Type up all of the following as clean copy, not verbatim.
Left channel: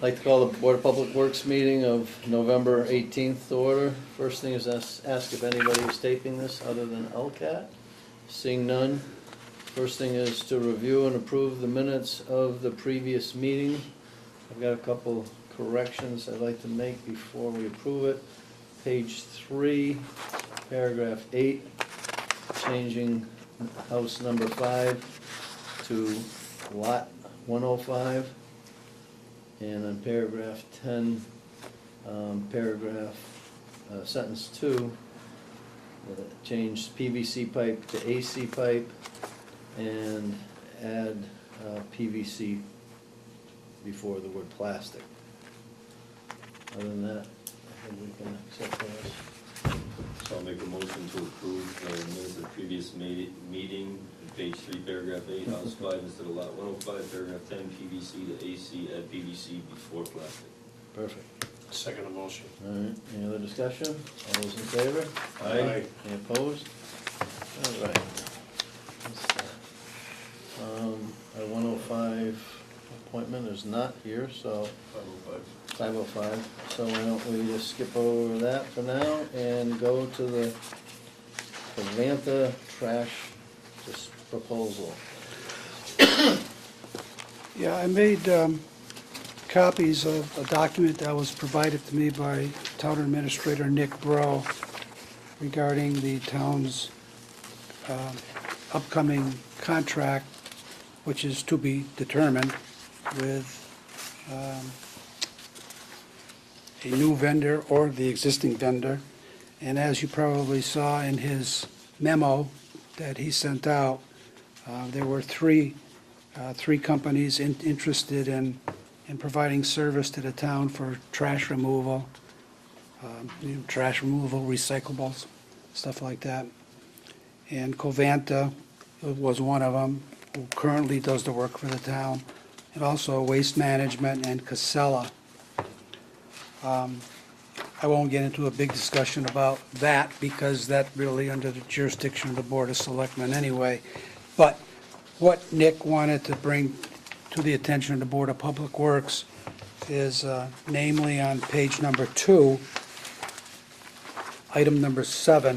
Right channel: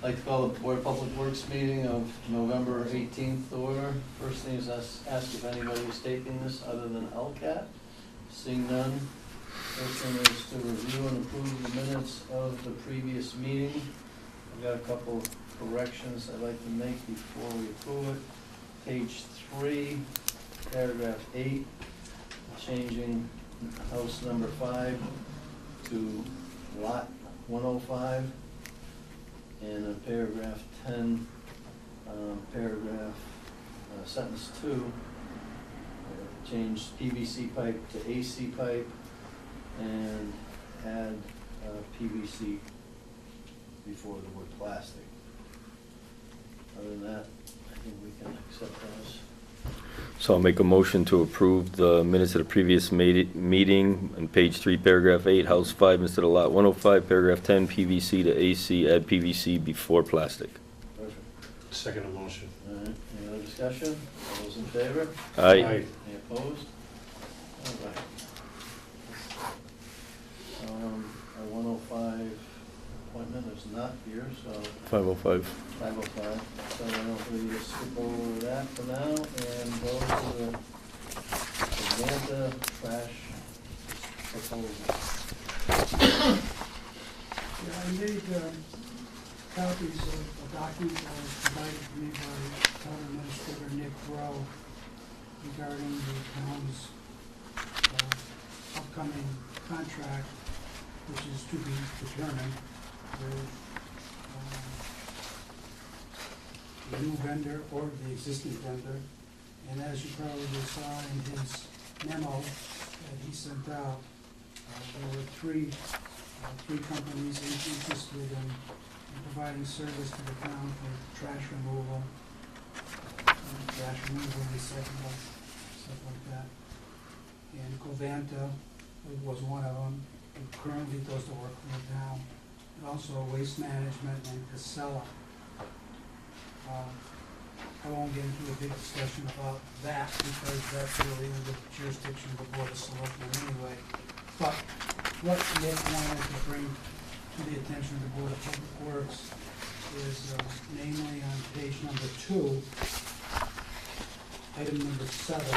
I'd like to call the Board of Public Works meeting of November 18th to order. First thing is ask if anybody is taping this other than LCAT. Seeing none. First thing is to review and approve the minutes of the previous meeting. I've got a couple corrections I'd like to make before we approve it. Page 3, paragraph 8, changing house number 5 to lot 105. And on paragraph 10, sentence 2, change PVC pipe to AC pipe and add PVC before the word plastic. Other than that, I think we can accept those. So I'll make a motion to approve the minutes of the previous meeting on page 3, paragraph 8, house 5 instead of lot 105, paragraph 10, PVC to AC, add PVC before plastic. Perfect. Second motion. All right, any other discussion? All those in favor? Aye. Any opposed? All right. Our 105 appointment is not here, so 505. 505, so why don't we just skip over that for now and go to the Savanta trash proposal. Yeah, I made copies of a document that was provided to me by Town Administrator Nick Bro regarding the town's upcoming contract, which is to be determined with a new vendor or the existing vendor. And as you probably saw in his memo that he sent out, there were three companies interested in providing service to the town for trash removal, recyclables, stuff like that. And Covanta was one of them, who currently does the work for the town, and also Waste Management and Casella. I won't get into a big discussion about that because that's really under the jurisdiction of the Board of Selectmen anyway. But what Nick wanted to bring to the attention of the Board of Public Works is namely on page number 2, item number 7,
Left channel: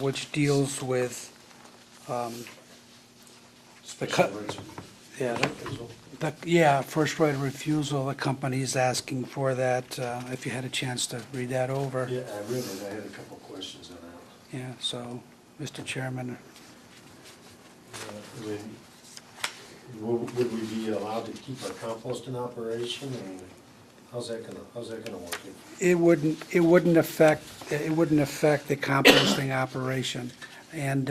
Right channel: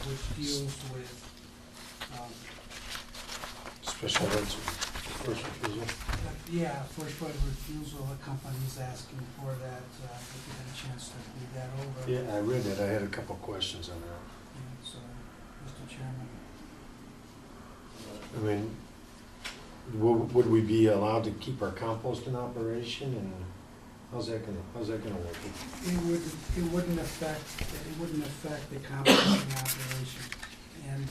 which deals with Special rights. first right of refusal. The company is asking for that, if you had a chance to read that over. Yeah, I read it. I had a couple of questions on that. Yeah, so, Mr. Chairman, I mean, would we be allowed to keep our compost in operation, and how's that gonna work? it wouldn't affect the composting operation, and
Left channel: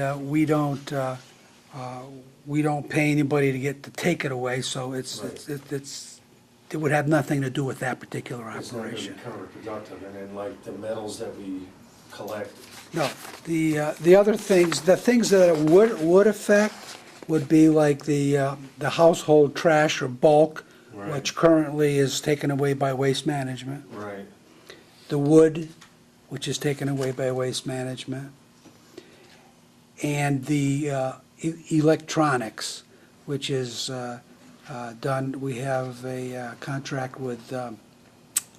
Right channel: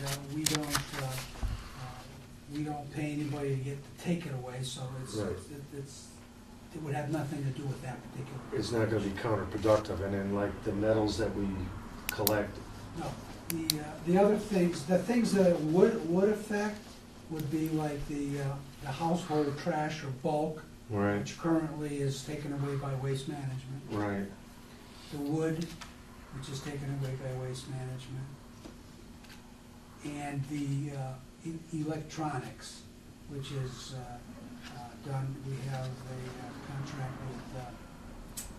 we don't pay anybody to take it away, so it would have nothing to do with that particular It's not gonna be operation. counterproductive, and then like the metals that we collect. No, the other things, the things that it would affect would be like the household trash or bulk, Right. which currently is taken away by Waste Management. Right. The wood, which is taken away by Waste Management. And the electronics, which is done, we have a contract with a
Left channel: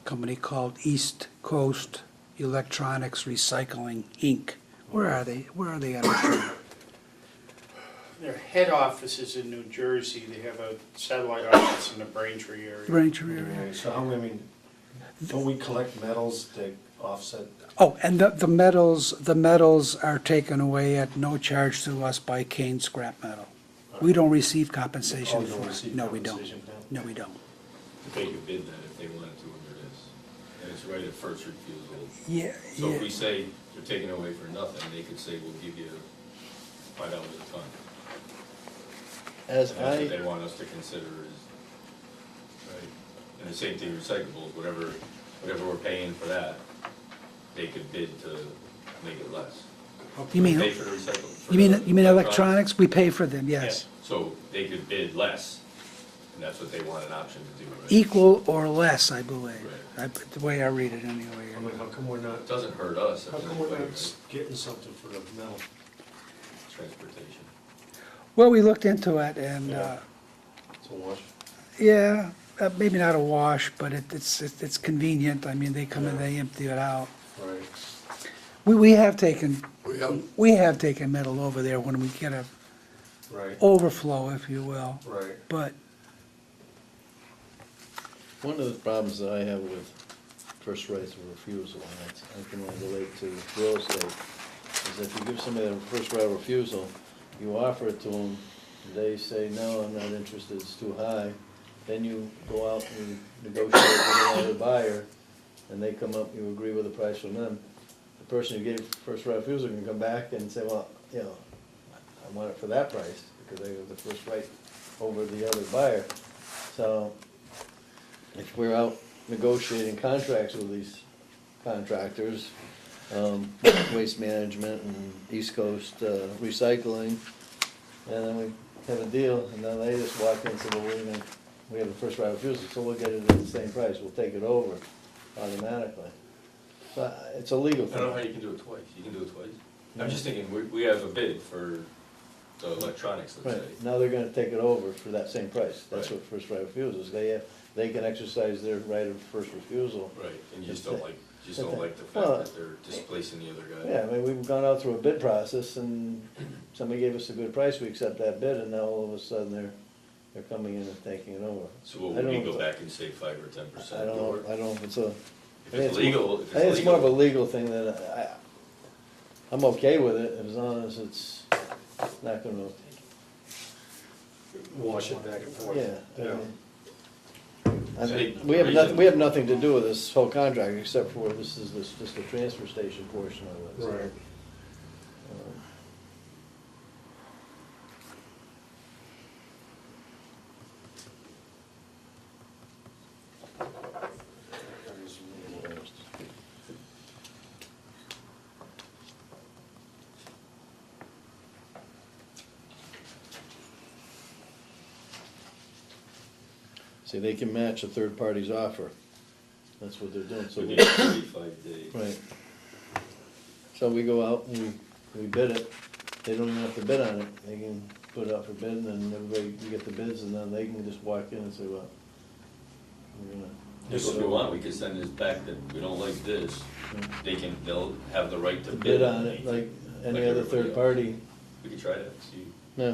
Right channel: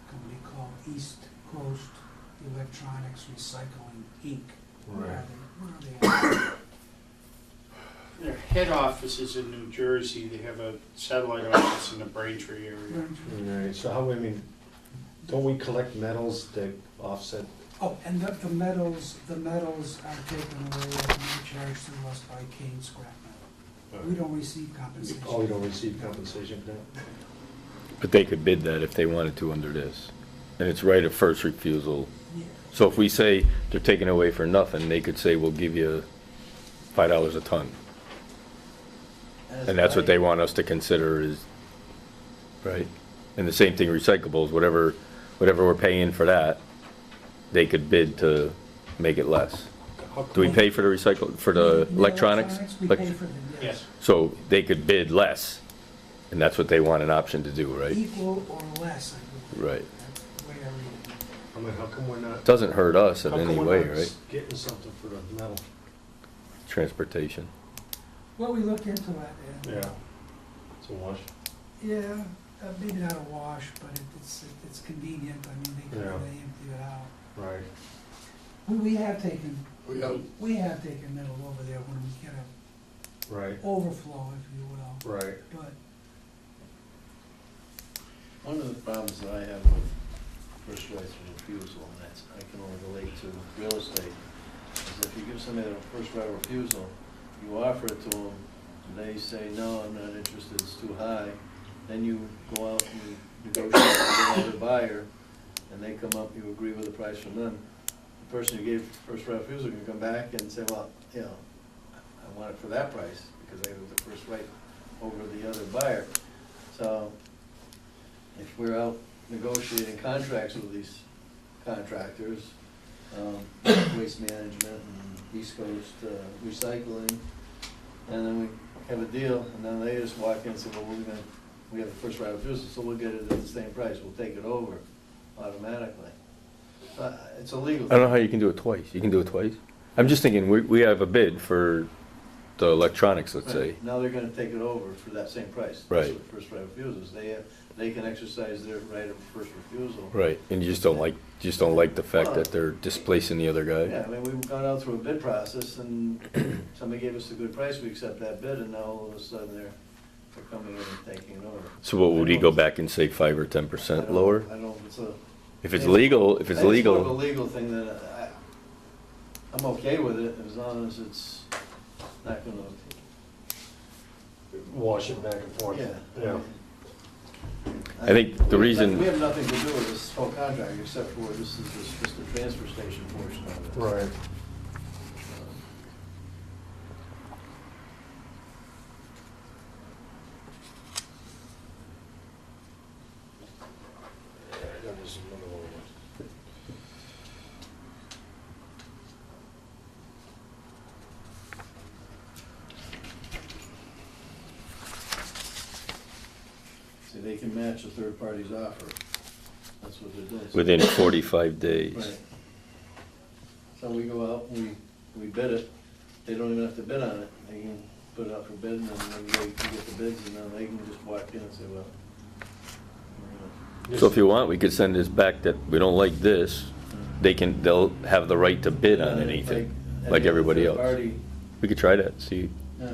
company called East Coast Electronics Recycling, Inc. Where are they at? Their head office is in New Jersey. They have a satellite office in the Braintree area. Braintree. Right. So how, I mean, don't we collect metals to offset? Oh, and the metals are taken away at no charge to us by Kane Scrap Metal. We don't receive compensation. Oh, we don't receive No, we don't. compensation for that? No, we don't. But they could bid that if they wanted to under this. And it's right of first refusal. Yeah. So if we say they're taking away for nothing, they could say, we'll give you $5 a ton. And that's what they want us to consider is, right? And the same thing, recyclables, whatever we're paying for that, they could bid to make it less. Do we pay for the recycle, for the You mean electronics? electronics? We pay for them, yes. Yes. So they could bid less, and that's what they want an option to do, right? Equal or less, I believe. Right. The way I read it I mean, anyway. how come we're not? Doesn't hurt us in How any come way, we're not right? getting something for the metal? Transportation. Well, we looked into it and, Yeah. It's a wash. yeah, maybe not a wash, but it's convenient. I mean, they come and Yeah. they empty it out. Right. We have taken metal over there when we get a Right, overflow, if you will, right. but One of the problems that I have with first rights of refusal, and that's, I can only relate to real estate, is if you give somebody a first right of refusal, you offer it to them, they say, no, I'm not interested, it's too high, then you go out and negotiate with another buyer, and they come up, you agree with the price from them. The person who gave first right of refusal can come back and say, well, you know, I want it for that price, because they have the first right over the other buyer. So, if we're out negotiating contracts with these contractors, Waste Management and East Coast Recycling, and then we have a deal, and then they just walk in and say, well, we have the first right of refusal, so we'll get it at the same price, we'll take it over automatically. So, it's a legal I thing. don't know how you can do it twice. You can do it twice? I'm just thinking, we have a bid for the electronics, let's say. Right. Now they're gonna take it over for that same price. Right. That's what first right of refusal is. They can exercise their right of first refusal. Right, and you just don't like the fact that they're displacing the other guy? Yeah, I mean, we've gone out through a bid process and somebody gave us a good price, we accept that bid, and now all of a sudden they're coming in and taking it over. So what, would he I go don't- back and say 5 or 10% lower? I don't know if it's a. If I it's think legal, I think it's more of a legal, legal thing that I'm okay with it as long as it's not gonna, Wash it back and forth. yeah. Yeah. I think the we have reason- we have nothing to do with this whole contract except for this is just the transfer station portion of it. Right. See, they can match a third party's offer. That's what they're doing. So- within 45 days. Right. So we go out and we bid it. They don't even have to bid on it. They can put it up for bid and then they get the bids and then they can just walk in and say, well, we're So if you want, we could send this back that we don't like this, they'll have the right to bid on anything, like everybody else. We could try that, see, Yeah,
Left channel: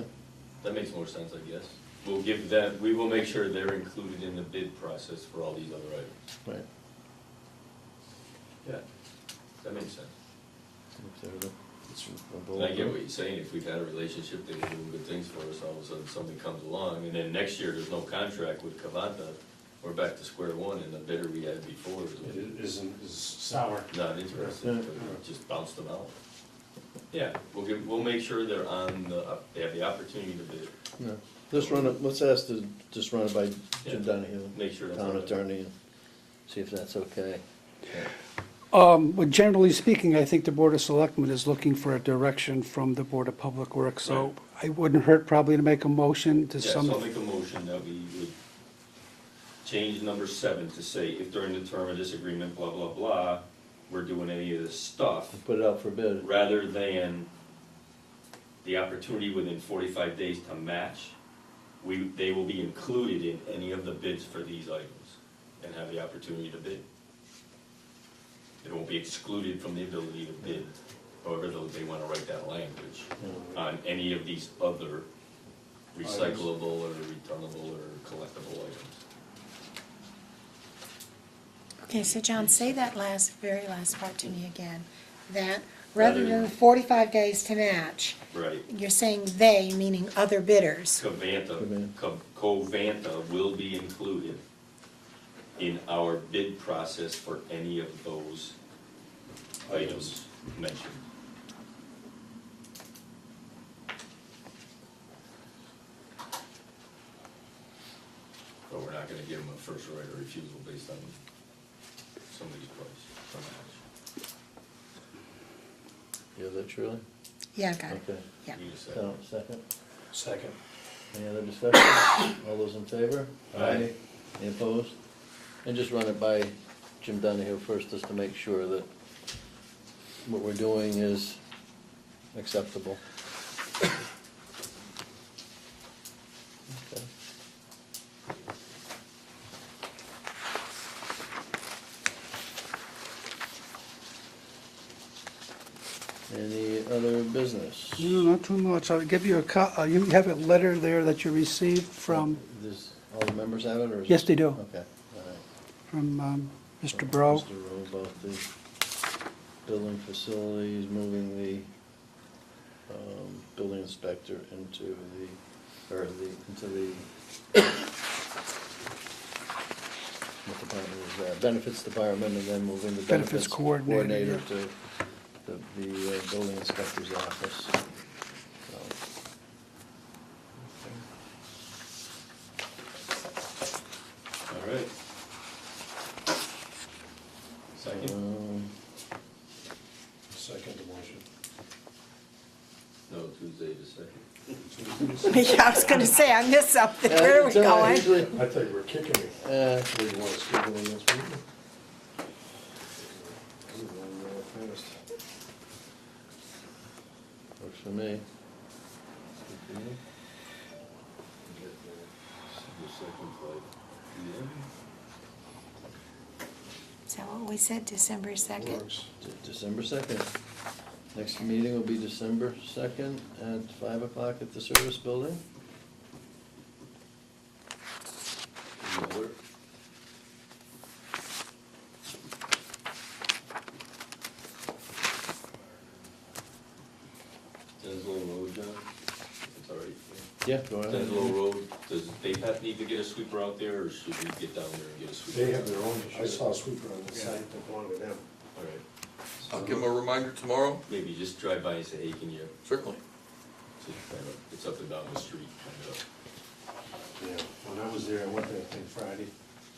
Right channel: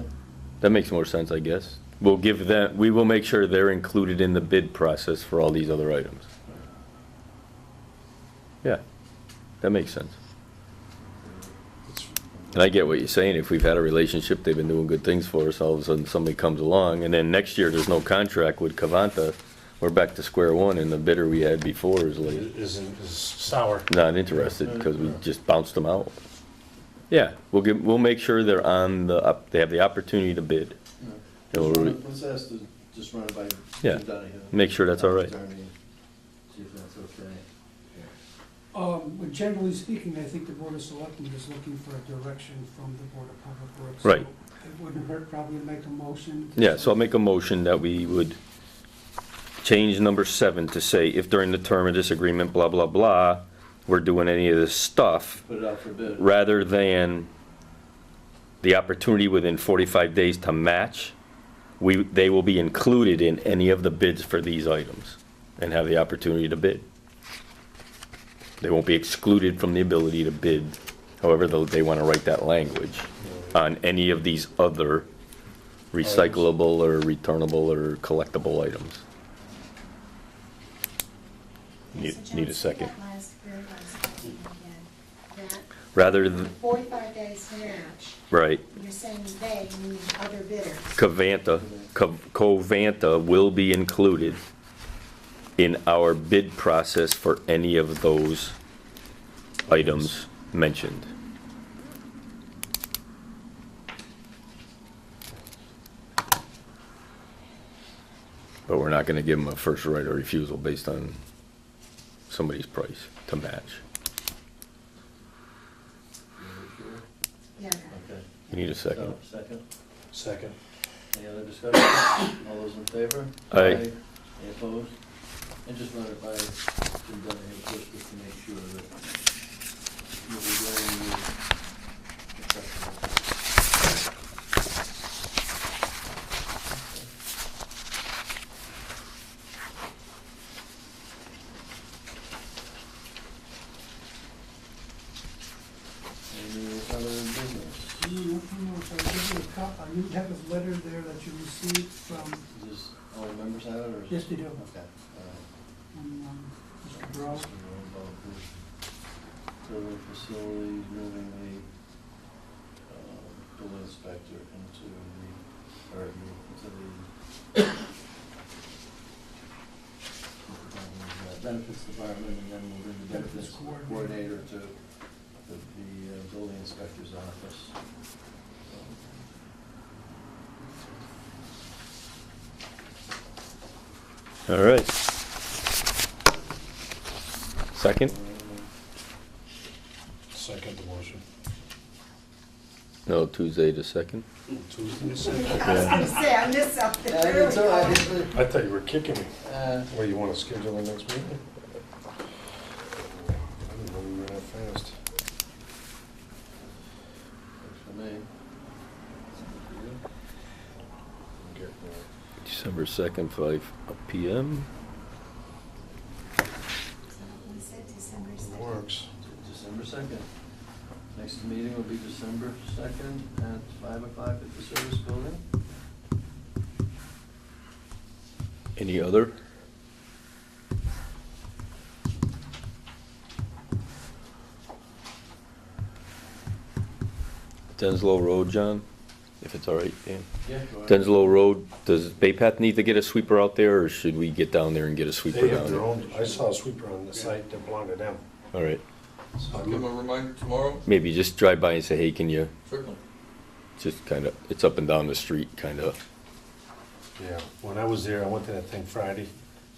that makes more sense, I guess. We'll give that, we will make sure they're included in the bid process for all these other items. right. Yeah, that makes sense. And I get what you're saying, if we've had a relationship, they've been doing good things for us, all of a sudden somebody comes along, and then next year there's no contract with Cavanta, we're back to square one, and the bidder we had before is like, Is sour. not interested, because we just bounced them out. Yeah, we'll make sure they're on they have the opportunity to bid, Yeah. Just run it, let's ask to just run it by Yeah. Jim Donahue. make sure that's all our right. attorney, and see if that's okay. Well, generally speaking, I think the Board of Selectmen is looking for a direction from the Board of Public Works. Right. So it wouldn't hurt probably to make a motion to Yeah, so I'll make a motion that we would change number 7 to say, if during the term of this agreement, blah, blah, blah, we're doing any of this stuff, Put it out for bid. rather than the opportunity within 45 days to match, they will be included in any of the bids for these items and have the opportunity to bid. They won't be excluded from the ability to bid, however they want to write that language, on any of these other recyclable or returnable or collectible items. Okay, so Need John, a say second. that very last part to me again. That Rather rather than- than 45 days to match, Right. you're saying they, meaning other bidders. Covanta will be included in our bid process for any of those items mentioned. But we're not gonna give them a first right of refusal based on somebody's price to match. You have that, Shirley? Yeah, I got it. Okay. You need a second. So, second. Second. Any other discussion? All those in favor? Aye. Any opposed? And just run it by Jim Donahue first, just to make sure that what we're doing is acceptable. Any other business? No, not too much. I'll give you you have a letter there that you received from, Does all the members have it, or? is- yes, they do, Okay. from Mr. Bro. Mr. Rowe, about the building facilities, moving the building inspector into the, what department is that? Benefits department, and then moving the Benefits benefits coordinator, coordinator yeah. to the building inspector's office. All right. Second? Second the motion. No, Tuesday the second? Tuesdays? Yeah, I was gonna say, I missed something. Where are we going? I thought you were kicking me. And Hey, you wanna schedule the next meeting? I didn't know you were that fast. works for me. I'm getting there. December 2nd, 5 p.m. Is that what we said, December 2nd? Works. December 2nd. Next meeting will be December 2nd at 5 o'clock at the service building. Any other? Denslow Road, John, if it's all right, Dan. Yeah, go ahead. Denslow Road, does Bay Path need to get a sweeper out there, or should we get down there and get a sweeper They down have their there? own, I saw a sweeper on the site that belonged to them. All right, I'll give them a reminder tomorrow, maybe just drive by and say, hey, can you, certainly. just kind of, it's up and down the street, kind of. Yeah, when I was there, I went to that thing Friday,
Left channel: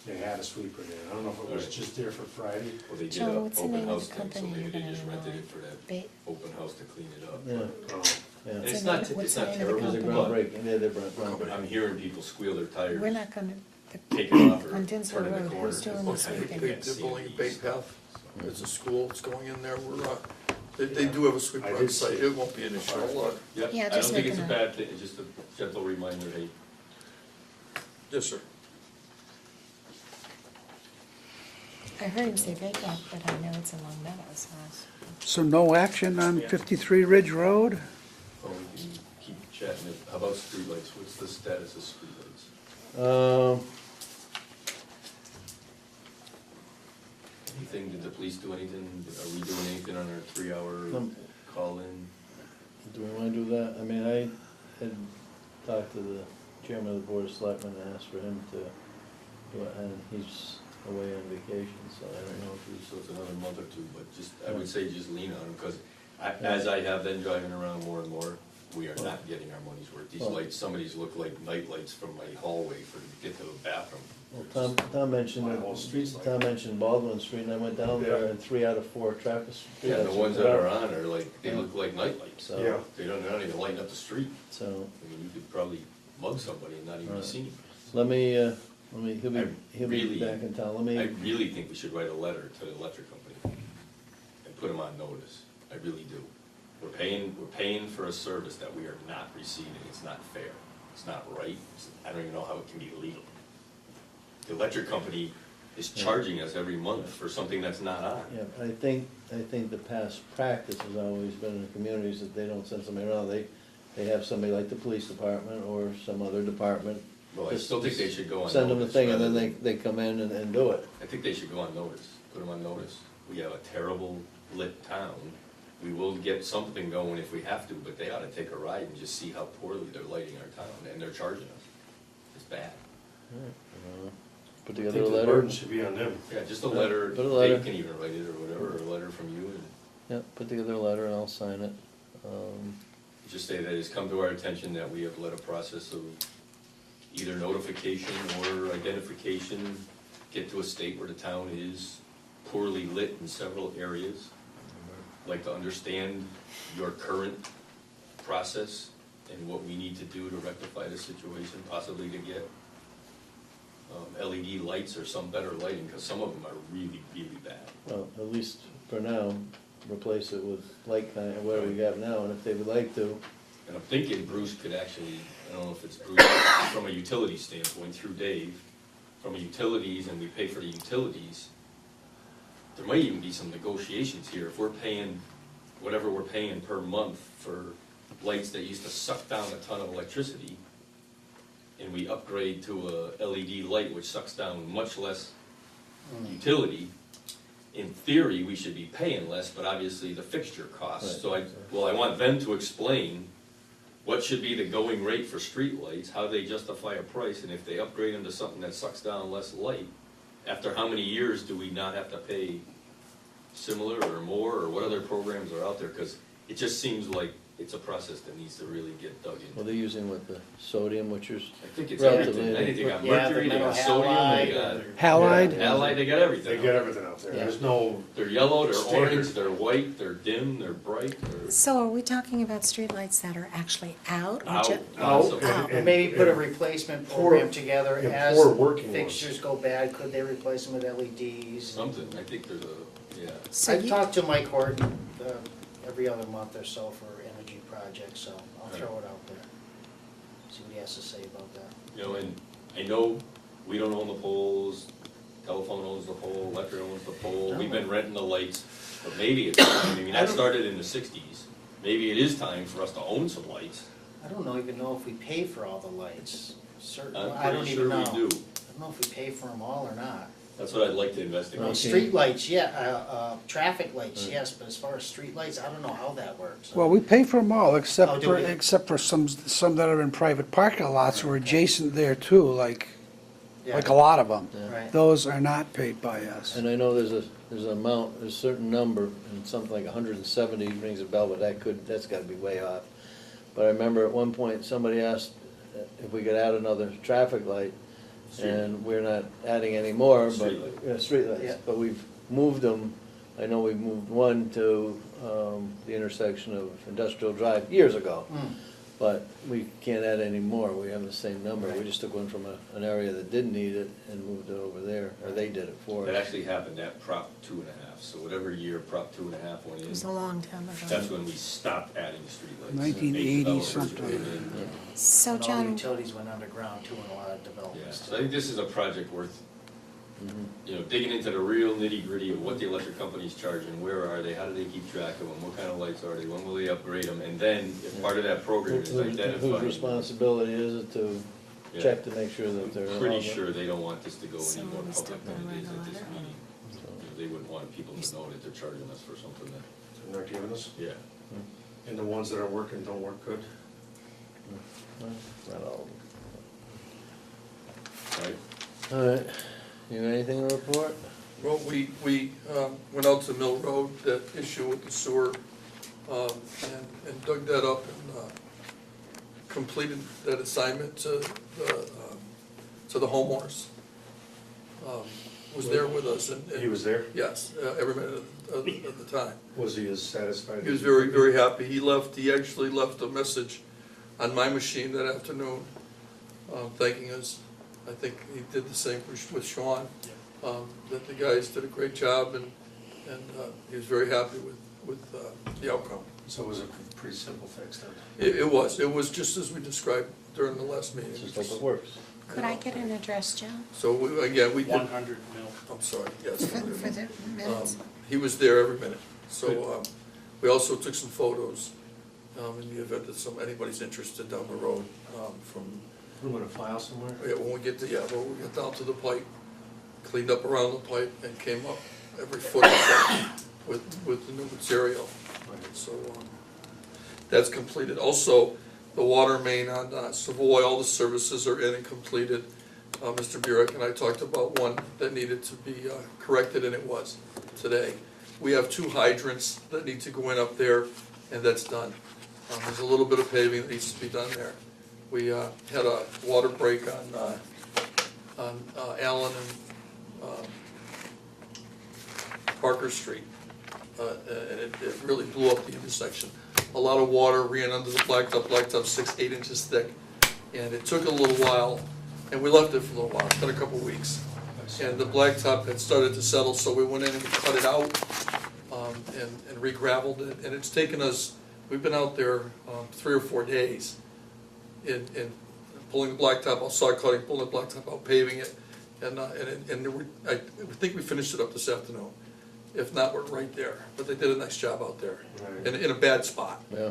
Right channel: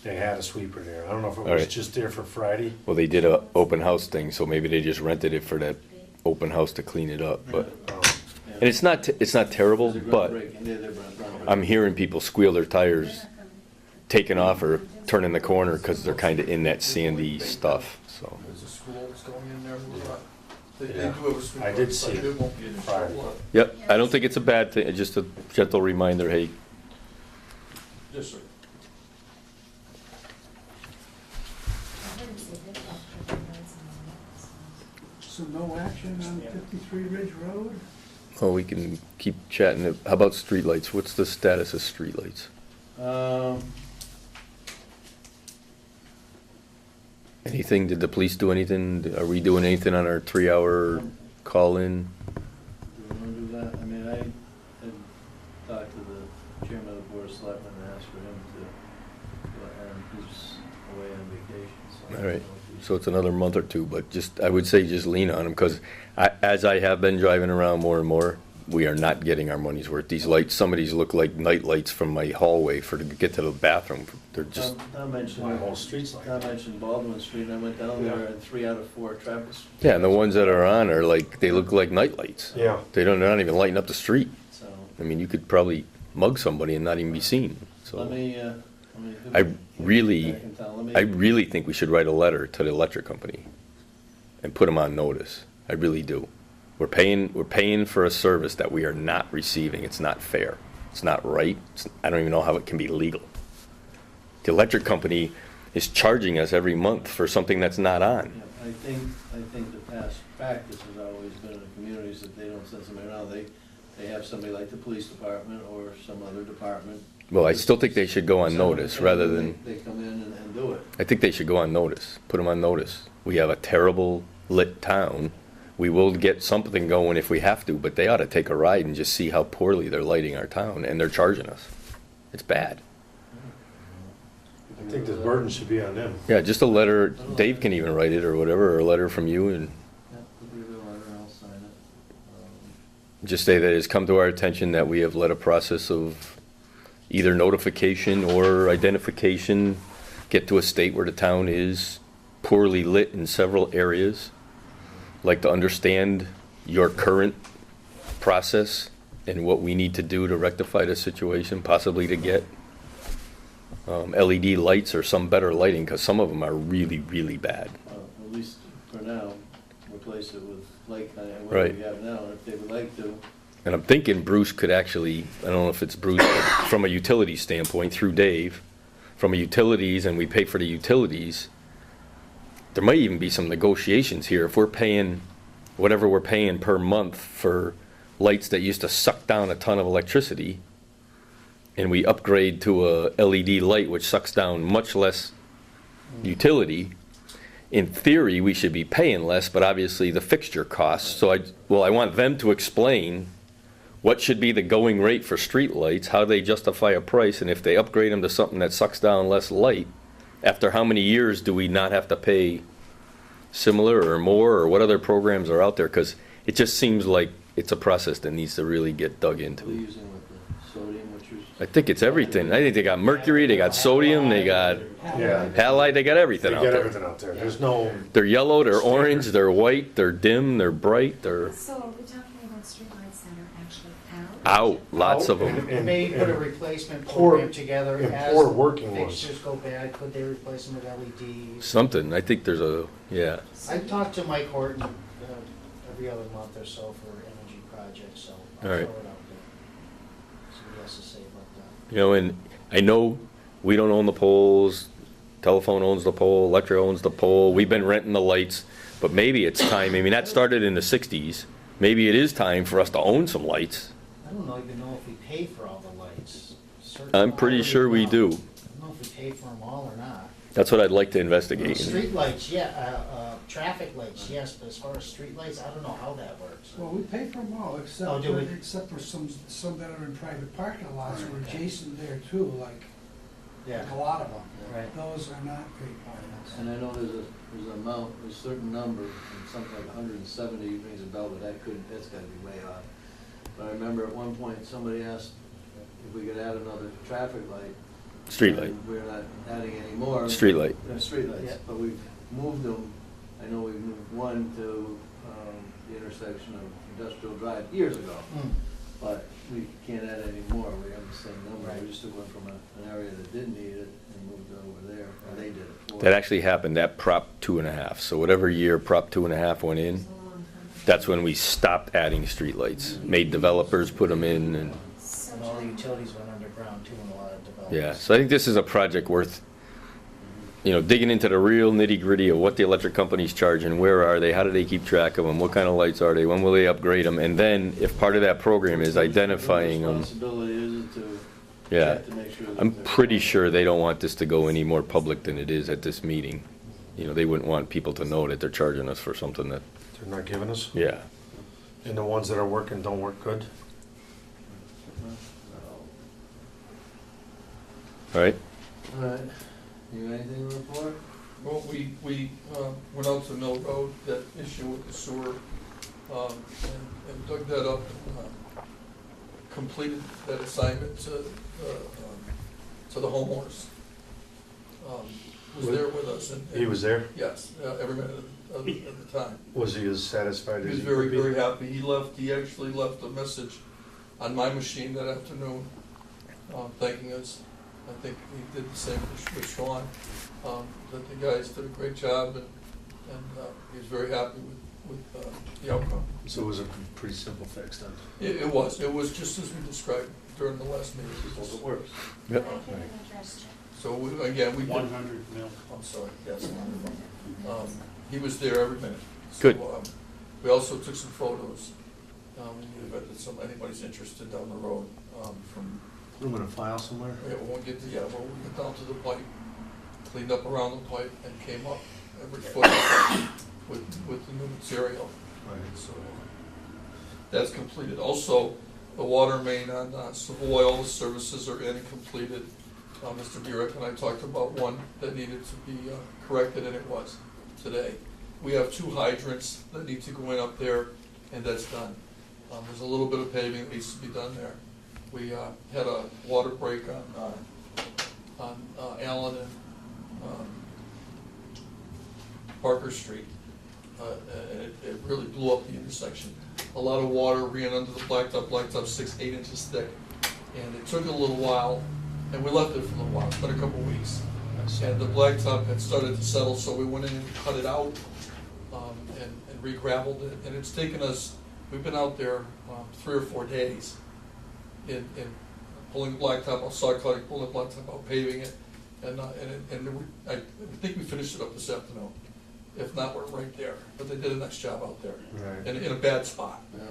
they had a sweeper there. I don't know if it All was right. just there for Friday. Well, they did So a what's the open name house of the thing, so company? maybe they just rented it for that Ba- open house to clean it up, but, Oh, Yeah. and it's not, it's not terrible, It's a but groundbreaking. Yeah, they're groundbreaking. I'm hearing people squeal their We're tires not gonna. taking off or on Denslow turning the Road, corner this because they're one. kind of in that sandy stuff, so. There's a school that's going in there, we're not, they do have a sweeper I on did site, see it. it won't be an issue. Yep, Yeah, I don't just think make it's a a note. bad thing, it's just a gentle reminder, hey, Yes, sir. I heard him say Bay Path, but I know it's in Long Meadows. So no action on 53 Ridge Road? well, we can keep chatting. How about streetlights? What's the status of streetlights? Anything, did the police do anything? Are we doing anything on our 3-hour call-in? Do we wanna do that? I mean, I had talked to the chairman of the board of selectmen and asked for him to do it, and he's away on vacation, so. I All don't right, know if he's- so it's another month or two, but just, I would say just lean on them, because as I have been driving around more and more, we are not getting our money's worth. These lights, some of these look like night lights from my hallway to get to the bathroom. They're just, Tom mentioned, My whole street's like Tom mentioned Baldwin Street, and I went down there, and 3 out of 4 traffic. yeah, and the ones that are on are like, they look like night lights. Yeah. They're not even lighting up the street. So, I mean, you could probably mug somebody and not even be seen, so. let me, I he'll be really- back in town. Let me- I really think we should write a letter to the electric company and put them on notice. I really do. We're paying for a service that we are not receiving. It's not fair. It's not right. I don't even know how it can be legal. The electric company is charging us every month for something that's not on. Yeah, but I think the past practice has always been in the communities that they don't send somebody around. They have somebody like the police department or some other department. Well, I still think they should go on send them a notice thing, rather and than, They come in and do it. I think they should go on notice, put them on notice. We have a terrible lit town. We will get something going if we have to, but they ought to take a ride and just see how poorly they're lighting our town, and they're charging us. It's bad. Put I together a think the letter. burden should be on them. Yeah, just a letter, Put a letter. Dave can even write it or whatever, or a letter from you, and Yeah, put together a letter and I'll sign it. just say that it's come to our attention that we have led a process of either notification or identification, get to a state where the town is poorly lit in several areas. Like to understand your current process and what we need to do to rectify the situation, possibly to get LED lights or some better lighting, because some of them are really, really bad. Well, at least for now, replace it with light kind of, whatever Right. we have now, and if they would like to, And I'm thinking Bruce could actually, I don't know if it's Bruce, but from a utility standpoint, through Dave, from a utilities, and we pay for the utilities, there might even be some negotiations here. If we're paying whatever we're paying per month for lights that used to suck down a ton of electricity, and we upgrade to a LED light which sucks down much less utility, in theory, we should be paying less, but obviously the fixture costs. So I want them to explain what should be the going rate for street lights, how they justify a price, and if they upgrade them to something that sucks down less light, after how many years do we not have to pay similar or more, or what other programs are out there? Because it just seems like it's a process that needs to really get dug What are they into. using with the sodium, which is? I think it's everything. I think they got mercury, they got sodium, they got Halide. halide, they got everything They out get there. everything out there. There's no, They're yellow, they're orange, they're white, they're dim, they're bright, they're So are we talking about streetlights that are actually out? or out, ju- lots of them. Out. And- Maybe put a and replacement poor- program together and as poor working ones. fixtures go bad, could they replace them with LEDs? Something, I think there's a, yeah. So I you, talk to Mike Horton every other month or so for energy projects, so I'll All throw it right. out there. See what he has to say about that. You know, and I know we don't own the poles, telephone owns the pole, electric owns the pole, we've been renting the lights, but maybe it's time, I mean, that started in the sixties. Maybe it is time for us to own some lights. I don't even know if we pay for all the lights. I'm pretty sure we do. I don't know if we pay for them all or not. That's what I'd like to investigate. Street lights, yeah, traffic lights, yes, but as far as street lights, I don't know how that works. Well, we pay for them all, Oh, except do for, we? except for some that are in private parking lots or adjacent there too, like Yeah. a lot of them. Yeah. Right. Those are not paid by us. And I know there's an amount, there's a certain number, and something like 170 rings a bell, but that's gotta be way off. But I remember at one point, somebody asked if we could add another traffic light. Street light. And we're not adding any more. but- Street light. Yeah, streetlights, Yeah. but we've moved them, I know we moved one to, the intersection of Industrial Drive years ago. Hmm. But we can't add any more, we have the same number, we just took one from an area that didn't need it and moved it over there, or they did it for us. That actually happened at Prop 2.5, so whatever year Prop 2.5 went in, it was a long time ago. that's when we stopped adding streetlights. 1980s. Made developers put them in, and, So All the John, utilities went underground too in a lot of developments. yeah. So I think this is a project worth, you know, digging into the real nitty-gritty of what the electric company's charging, where are they, how do they keep track of them, what kind of lights are they, when will they upgrade them? And then, if part of that program is identifying them, Whose responsibility is it to yeah. check to make sure that I'm they're pretty normal? sure they don't want this to go any more public than it is at this meeting. You know, they wouldn't want people to know that they're charging us for something that, they're not giving us. yeah. And the ones that are working don't work good. Well, All right? All right, you got anything to report? Well, we went out to Mill Road, that issue with the sewer, and dug that up, and completed that assignment to the homeowners. Was there with us, and. He was there? Yes, every minute of the time. Was he as satisfied as? He was you very, could be? very happy. He actually left a message on my machine that afternoon, thanking us. I think he did the same with Sean, that the guys did a great job, and he was very happy with the outcome. So it was a pretty simple fix then? It was just as we described during the last meeting. Just like it works. could I get an address, John, So we did, 100 mil. I'm sorry, yes. for the minutes? He was there every minute. So, Good. we also took some photos, in the event that anybody's interested down the road, from, I'm gonna file somewhere? when we get down to the pipe, cleaned up around the pipe and came up every foot with the new material. So, that's completed. Also, the water main on Savoy, all the services are in and completed. Mr. Burek and I talked about one that needed to be corrected, and it was today. We have 2 hydrants that need to go in up there, and that's done. There's a little bit of paving that needs to be done there. We had a water break on Allen and Parker Street, and it really blew up the intersection. A lot of water ran under the blacktop 6-8 inches thick, and it took a little while, and we left it for a little while, it's been a couple weeks. And the blacktop had started to settle, so we went in and cut it out, and re-gravelled it, and it's taken us, we've been out there 3 or 4 days in pulling the blacktop out, saw cutting, pulling the blacktop out, paving it, and I think we finished it up this afternoon. If not, we're right there. But they did a nice job out there, Right. in a bad spot. Yeah,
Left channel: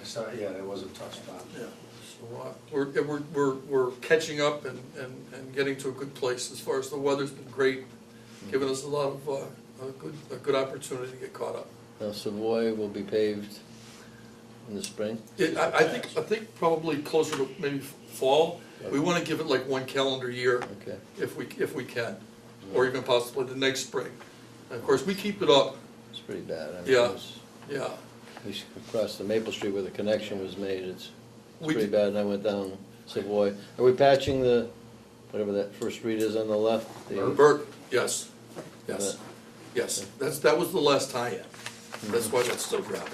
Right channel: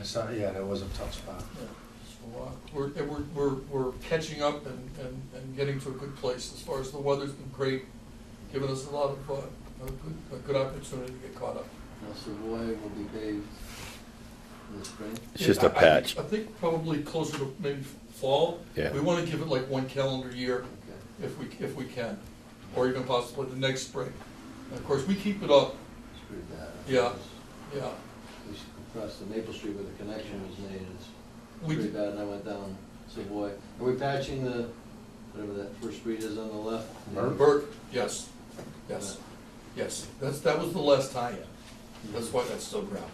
I saw, yeah, that was a tough spot. Yeah. So, we're catching up and getting to a good place as far as the weather's been great, giving us a lot of, a good opportunity to get caught up. now Savoy will be paved in the spring. It's just a I think- patch. I think probably closer to maybe fall. Yeah. We wanna give it like one calendar year Okay. if we can, or even possibly the next spring. And of course, we keep it up, It's pretty bad. I mean, Yeah. it's- yeah. at least across the Maple Street where the connection was made, it's We pretty d- bad, and I went down Savoy. Are we patching the, whatever that first street is on the left? The- Burke, yes, yes, yes. That was the last tie-in. That's why that's still gravel.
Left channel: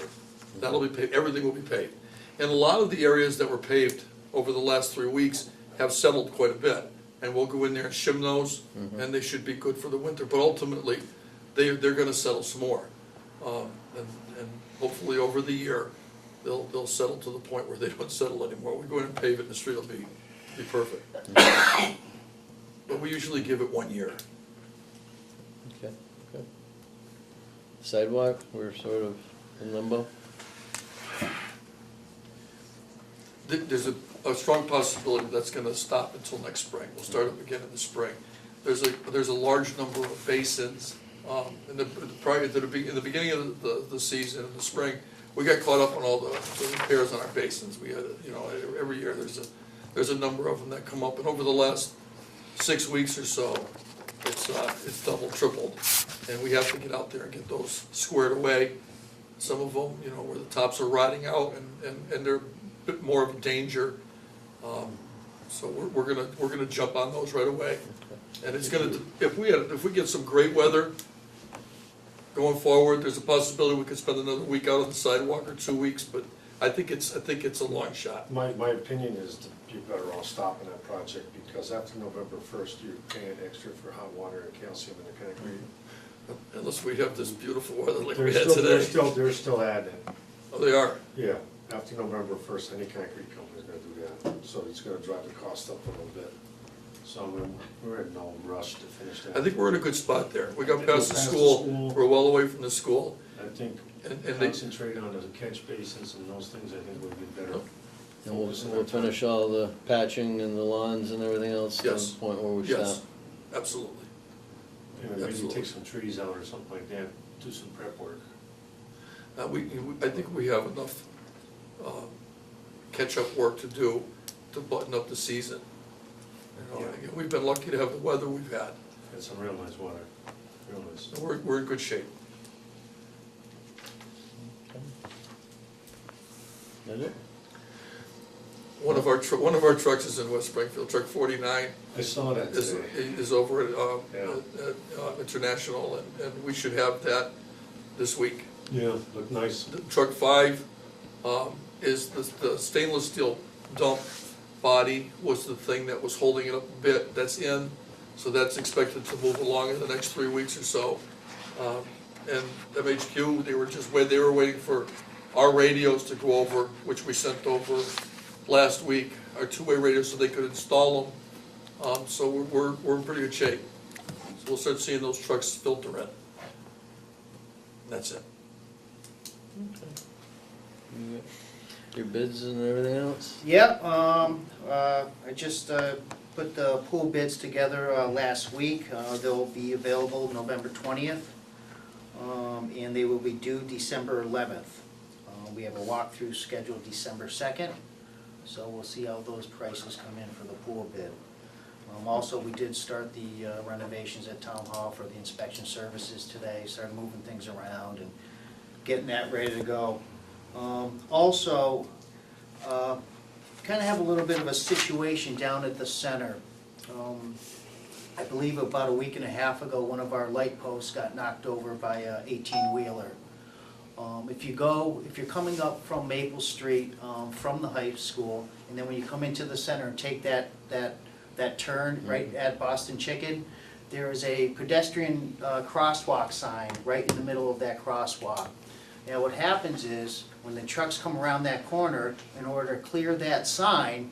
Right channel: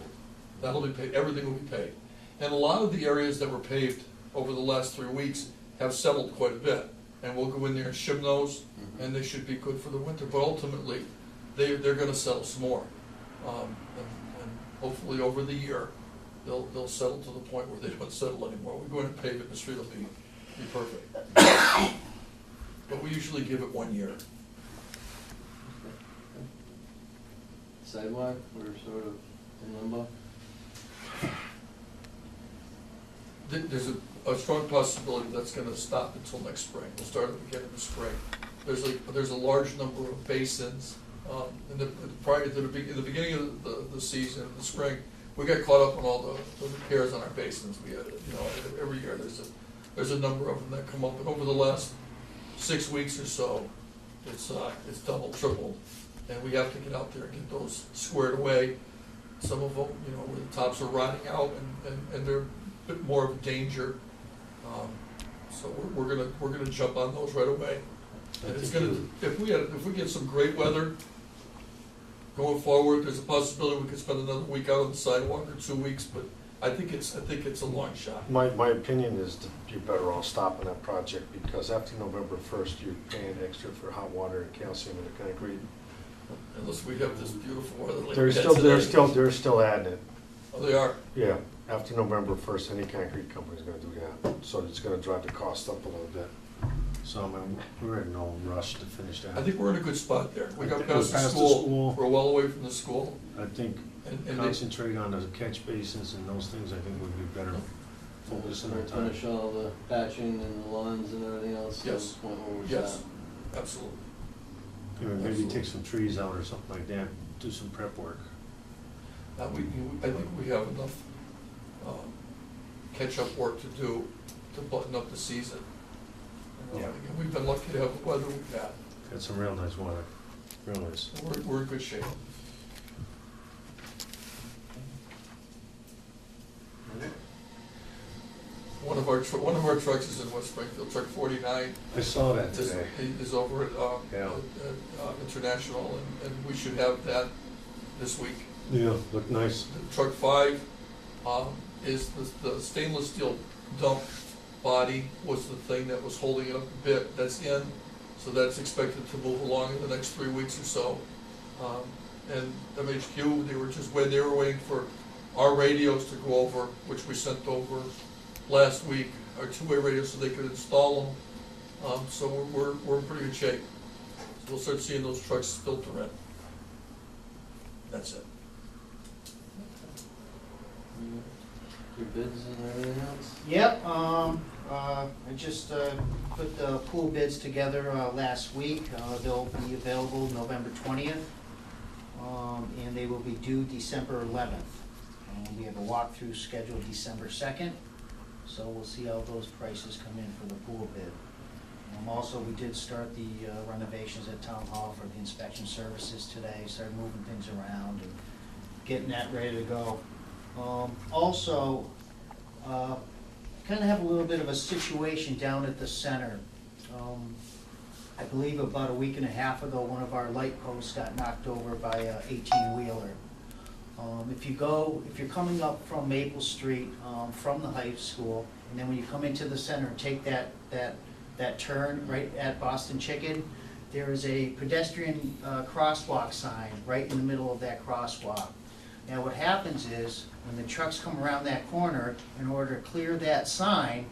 That'll be paved, everything will be paved. And a lot of the areas that were paved over the last 3 weeks have settled quite a bit. And we'll go in there and shim those, and they should be good for the winter. But ultimately, they're gonna settle some more. And hopefully over the year, they'll settle to the point where they don't settle anymore. We go in and pave it, the street will be perfect. But we usually give it 1 year. Okay, okay. Sidewalk, we're sort of in limbo. There's a strong possibility that's gonna stop until next spring. We'll start up again in the spring. There's a large number of basins, in the beginning of the season, in the spring, we got caught up on all the repairs on our basins. We had, every year, there's a number of them that come up, and over the last 6 weeks or so, it's doubled, tripled, and we have to get out there and get those squared away. Some of them, where the tops are rotting out and they're a bit more of a danger. So we're gonna jump on those right away. And it's gonna, if we get some great weather going forward, there's a possibility we could spend another week out on the sidewalk or 2 weeks, but I think it's a long shot. My opinion is that you're better off stopping that project, because after November 1st, you're paying extra for hot water and calcium in the concrete. Unless we have this beautiful weather like we They're had still, today. they're still adding it. Oh, they are? Yeah, after November 1st, any concrete company's gonna do that, so it's gonna drive the cost up a little bit. So, I mean, we're in no rush to finish that. I think we're in a good spot there. We got We're past the past the school, school. we're well away from the school, I think and they, concentrate on the catch basins and those things, I think would be better. And we'll Focus on our we'll finish time. all the patching and the lawns and everything else to the Yes. point where we yes, stop. absolutely. Maybe Absolutely. take some trees out or something like that, do some prep work. I think we have enough catch-up work to do to button up the season. Yeah. Again, we've been lucky to have the weather we've had, Got some real nice weather, real nice. so we're in good shape. Is it? One of our trucks is in West Springfield, truck 49, I saw that is, today. is over at, Yeah. International, and we should have that this week. Yeah, looked nice. Truck 5 is the stainless steel dump body was the thing that was holding it up a bit. That's in, so that's expected to move along in the next 3 weeks or so. And MHQ, they were waiting for our radios to go over, which we sent over last week, our two-way radios, so they could install them. So we're in pretty good shape. So we'll start seeing those trucks filter in. That's it. Your bids and everything else? Yeah, I just put the pool bids together last week. They'll be available November 20th, and they will be due December 11th. We have a walkthrough scheduled December 2nd, so we'll see how those prices come in for the pool bid. Also, we did start the renovations at Town Hall for the inspection services today, started moving things around and getting that ready to go. Also, kind of have a little bit of a situation down at the center. I believe about a week and a half ago, one of our light posts got knocked over by a 18-wheeler. If you're coming up from Maple Street, from the high school, and then when you come into the center and take that turn right at Boston Chicken, there is a pedestrian crosswalk sign right in the middle of that crosswalk. Now what happens is, when the trucks come around that corner, in order to clear that sign,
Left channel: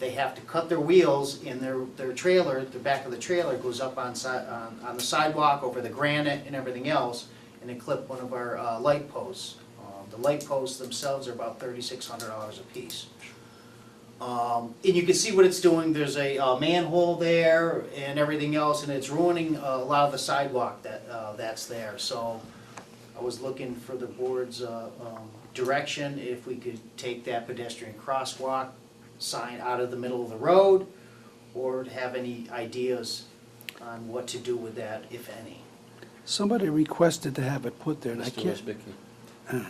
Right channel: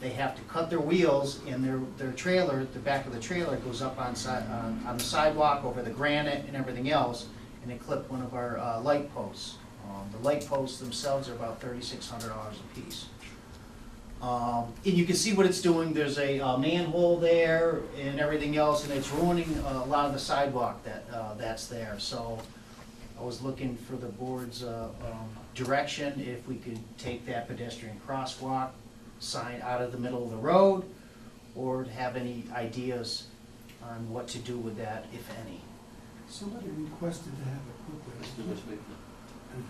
they have to cut their wheels, and their trailer, the back of the trailer goes up on the sidewalk over the granite and everything else, and it clipped one of our light posts. The light posts themselves are about $3,600 a piece. And you can see what it's doing, there's a manhole there and everything else, and it's ruining a lot of the sidewalk that's there. So I was looking for the board's direction, if we could take that pedestrian crosswalk sign out of the middle of the road, or have any ideas on what to do with that, if any. Somebody requested to have it put there, and I Mr. can't, Wisbecki.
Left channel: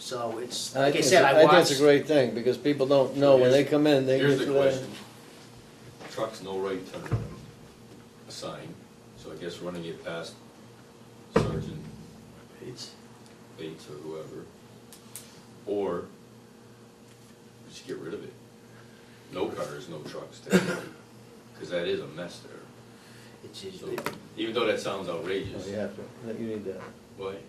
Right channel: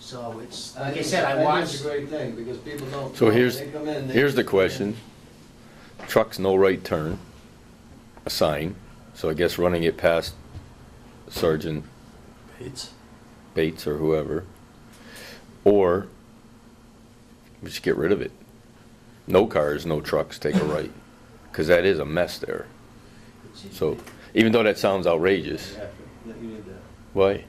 So it's, like I said, I think watched. it's a great thing, because people don't So know when here's- they come in. they Here's the usually- question. Trucks no right turn, a sign, so I guess running it past Sergeant Bates or whoever. Or we just get rid of it. No cars, no trucks, take a right. Because that is a mess there. So even though that sounds outrageous, Yeah, you need that, why?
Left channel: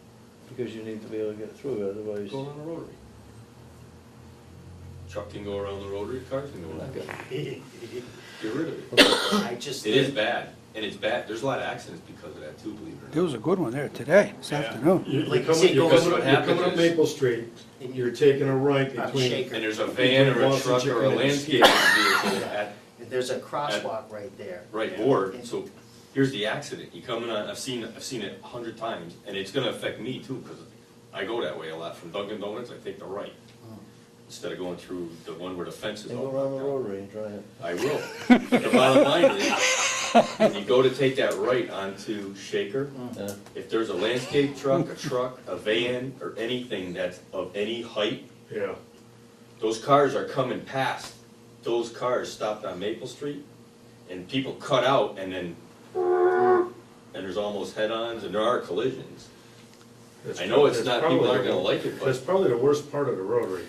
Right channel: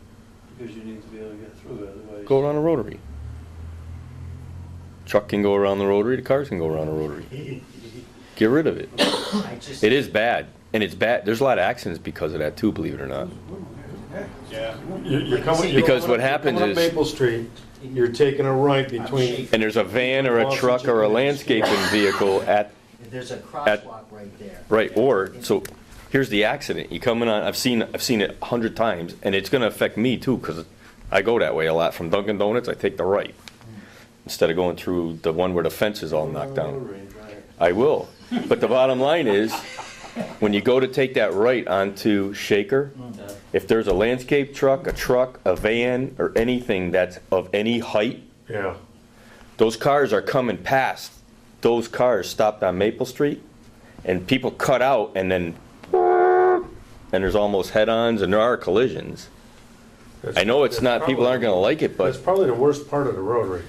because you need to be able to get through it, otherwise. Go around the rotary. Truck can go around the rotary, the cars can go around the rotary. Get rid of it. I just. It is bad, and it's bad. There's a lot of accidents because of that too, believe it or there was a not. good one there today, this afternoon. You're coming, Because what happens you're coming up is- Maple Street, you're taking a right between, And there's a van or a truck or a landscaping vehicle at, There's a crosswalk right there. right, or, so, here's the accident. You come in on, I've seen it 100 times, and it's gonna affect me too, because I go that way a lot. From Dunkin' Donuts, I take the right, instead of going through the one where the fence is all Go around knocked the down. rotary and try it. I will. But the bottom line is, when you go to take that right onto Shaker, Yeah. if there's a landscape truck, a van, or anything that's of any height, yeah. those cars are coming past. Those cars stopped on Maple Street, and people cut out, and then, and there's almost head-ons, and there are collisions. I know it's not, people aren't gonna like it, That's but probably the worst part of the rotary.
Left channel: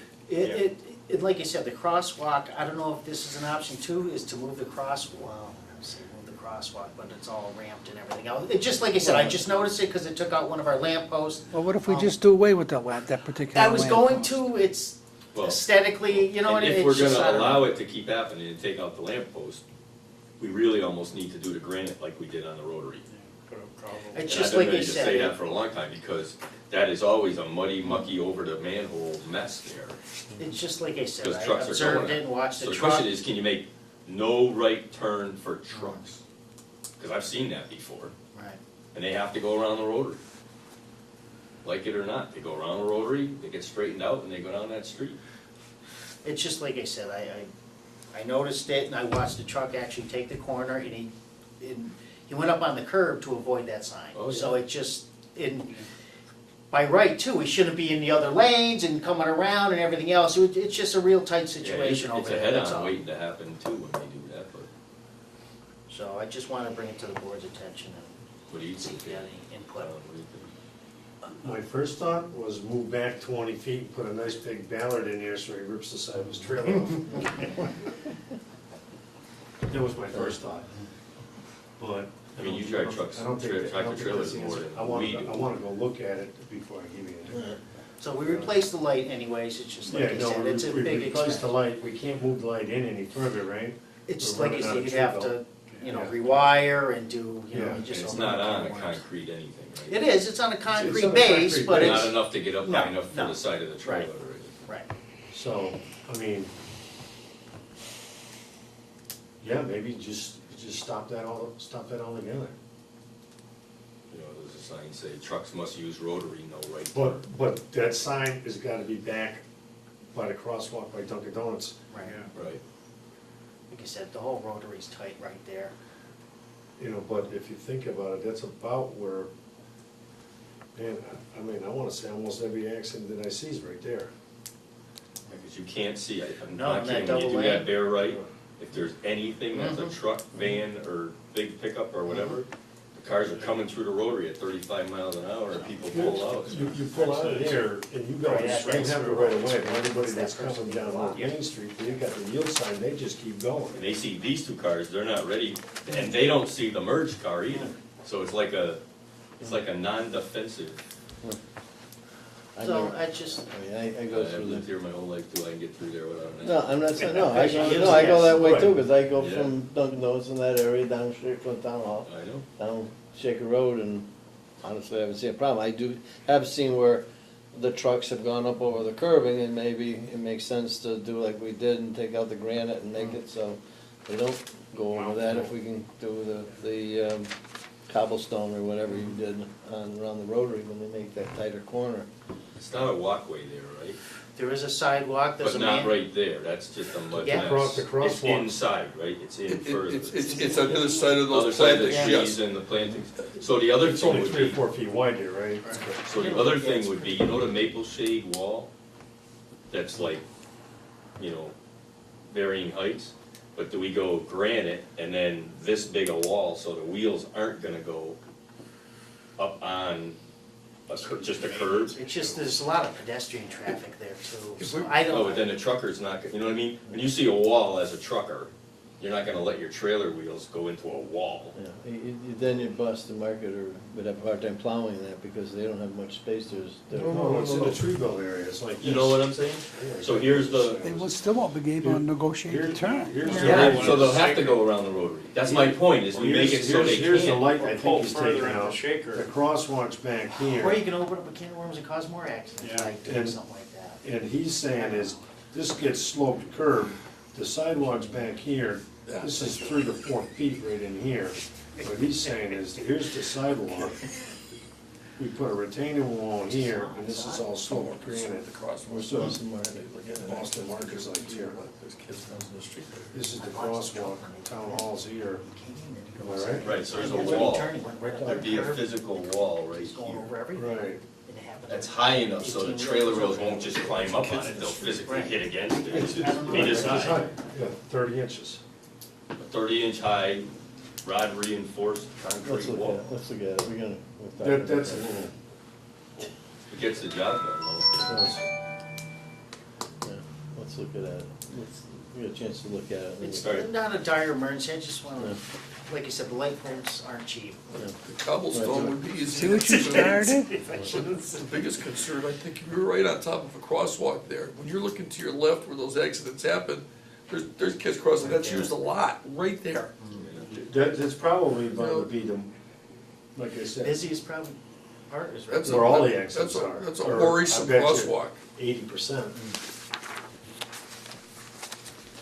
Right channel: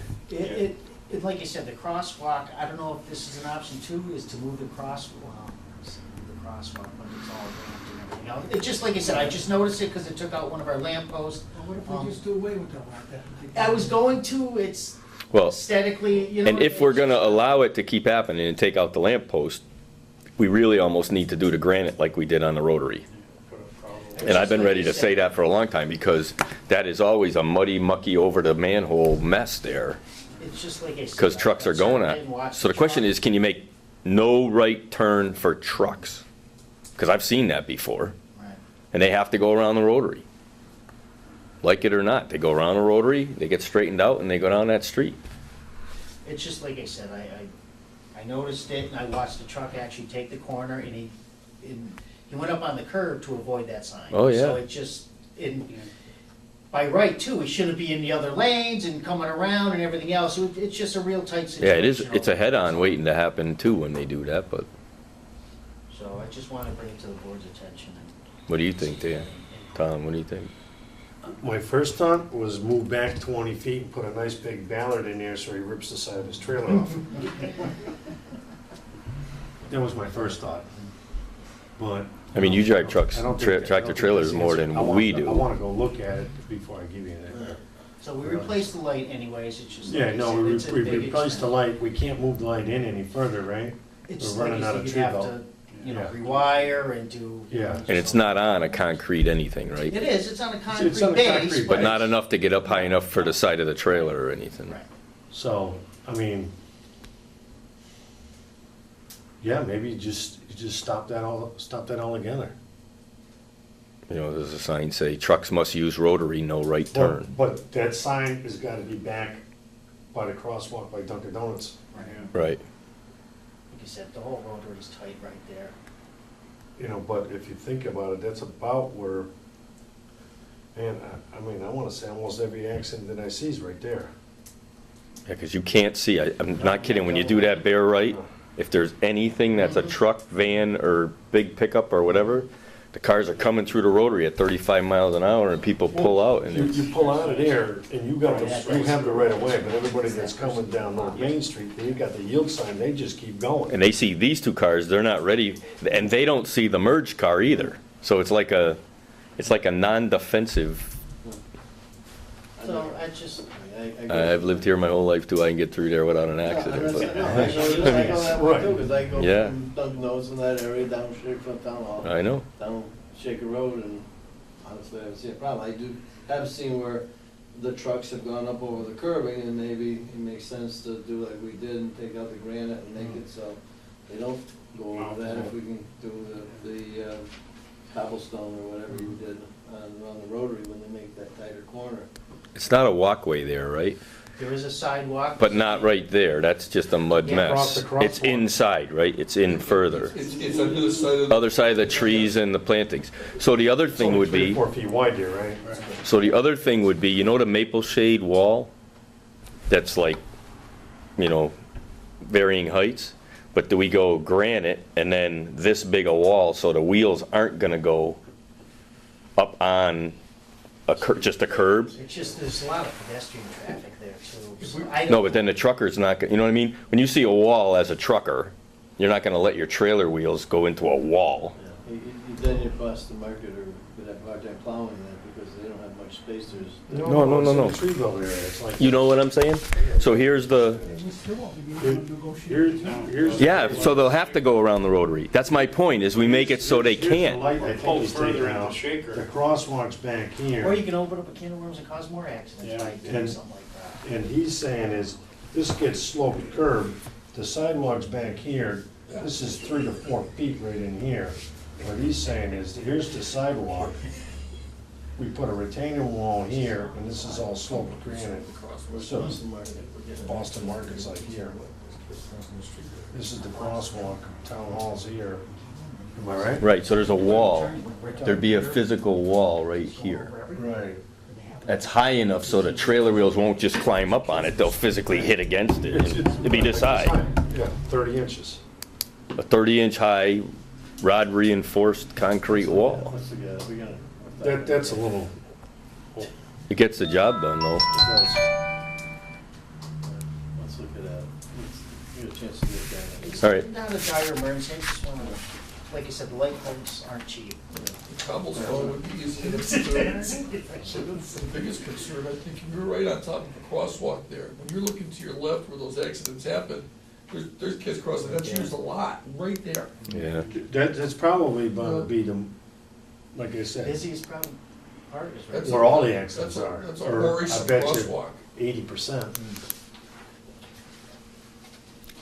Like you said, the crosswalk, I don't know if this is an option too, is to move the move the crosswalk, but it's all ramped and everything else. It just, like I said, I just noticed it because it took out one of our lamp posts. Well, what if we just do away with that lamp, that particular I lamp? was going to, it's well, aesthetically, you know. and if we're gonna allow it to keep happening and take out the lamppost, we really almost need to do the granite like we did on the rotary. And I've been ready to say that for a long time, because that is always a muddy, mucky, over the manhole mess there, It's just like I said. because I trucks are going observed it and on. watched So the question truck. is, can you make no right turn for trucks? Because I've seen that before, Right. and they have to go around the rotary. Like it or not, they go around the rotary, they get straightened out, and they go down that street. It's just like I said, I noticed it and I watched the truck actually take the corner and he went up on the curb to avoid that sign. Oh, So yeah. it just, by right too, we shouldn't be in the other lanes and coming around and everything else. It's just a real tight Yeah, situation. it is, it's over a there, that's head-on all. waiting to happen too when they do that, but So I just want to bring it to the board's attention and. what do you think, see if Dan? any input. Tom, what do you think? My first thought was move back 20 feet and put a nice big ballard in there so he rips the side of his trailer off. That was my first thought. But. I mean, you drive trucks, I don't think that- I tractor don't think trailers that's the more answer. than I wanna- we do. I wanna go look at it before I give you that. So we replaced the light anyways, it's just like Yeah, I no, said, we it's a big replaced the expense. light, we can't move the light in any further, right? It's we're like running you out said, of you'd tree have belt. to, Yeah. rewire and do. Yeah. And it's not on a concrete anything, right? It is, it's on a on concrete a base, concrete but But not it's. enough to get up high No, enough for no. the side of the trailer or anything. Right. So, I mean, yeah, maybe just stop that altogether. You know, there's a sign say, trucks must use rotary, no right turn. But that sign has gotta be back by the crosswalk by Dunkin' Donuts. Right. Right. Like I said, the whole rotary's tight right there. You know, but if you think about it, that's about where, man, I mean, I wanna say almost every accident that I see is right there. Yeah, because you can't see, I'm No, not kidding, when you do double that lane. bare right, if there's anything that's a Mhm. truck, van, or big pickup or whatever, the cars are coming through the rotary at 35 miles an hour and people pull out and You, it's, you pull out of there and you got, Yeah, you have the right of way, but everybody that's coming down North Main Street, they got the yield sign, they just keep going. and they see these two cars, they're not ready, and they don't see the merged car either. So it's like a non-defensive. So I just, I've lived here my whole life too, I can get through there without an No, I'm not accident. saying, no, I go that way too, Right. because I go Yeah. from Dunkin' Donuts in that area down Shaker Town Hall, I know, down Shaker Road, and honestly, I haven't seen a problem. I have seen where the trucks have gone up over the curbing, and maybe it makes sense to do like we did and take out the granite and make it so they don't go over that, if we can do the cobblestone or whatever you did around the rotary when they make that tighter corner. It's not a walkway there, right? There is a sidewalk. But there's a not man- right there, that's just a mud Yeah, mess. across the It's crosswalk. inside, right? It's in further. It's on the other side of the. Other side of the plantings, trees yes. and the plantings. So the other It's thing only would 3 or be, 4 feet wide there, right? so the other thing would be, you know the maple shade wall? That's like, you know, varying heights? But do we go granite and then this big a wall so the wheels aren't gonna go up on just a curb? It's just, there's a lot of pedestrian traffic there, If so we- I don't. No, but then the trucker's not, you know what I mean? When you see a wall as a trucker, you're not gonna let your trailer wheels go into a wall. Yeah, then you bust the market or would have a hard time plowing that because they don't have much space. No. It's in the tree belt area, it's like. You know what I'm saying? So here's the, They will still obligate on negotiated Here's, terms. here's. the yeah, light. so they'll have to go around the rotary. That's my point, is we make it so they Here's the can't. light I Pull think he's further taking into out. Shaker. The crosswalk's back Or here, you can open up a can of worms and cause more accidents Yeah. by doing And- something like that. and he's saying is, this gets sloped curb, the sidewalk's back here, Yeah. this is 3 to 4 feet right in here. What he's saying is, here's the sidewalk, we put a retaining wall here, and this is all sloped granite. The crosswalk. So Boston Market's like here. This is the crosswalk, town hall's here. Am I right? Right, so there's a wall. There'd be a physical wall right here. Right. That's high enough so the trailer wheels won't just climb up on it, they'll physically hit against it. It'd be this high. Yeah, 30 inches. A 30-inch high rod reinforced concrete wall. Let's look at it, we're gonna. That's a little, It gets the job done though. Let's look at that. Let's get a chance to look at it. It's All right. not a dire emergency, I just wanna, like I said, the light poles aren't cheap. The cobblestone would be easy. See what you started? The biggest concern, I think, you're right on top of a crosswalk there. When you're looking to your left where those accidents happen, there's kids crossing, that's used a lot, right there. Yeah. that's probably about to be the, like I said, Busiest problem, part is right. That's where all the accidents that's a- are. That's a Or worrisome I bet you crosswalk. 80%.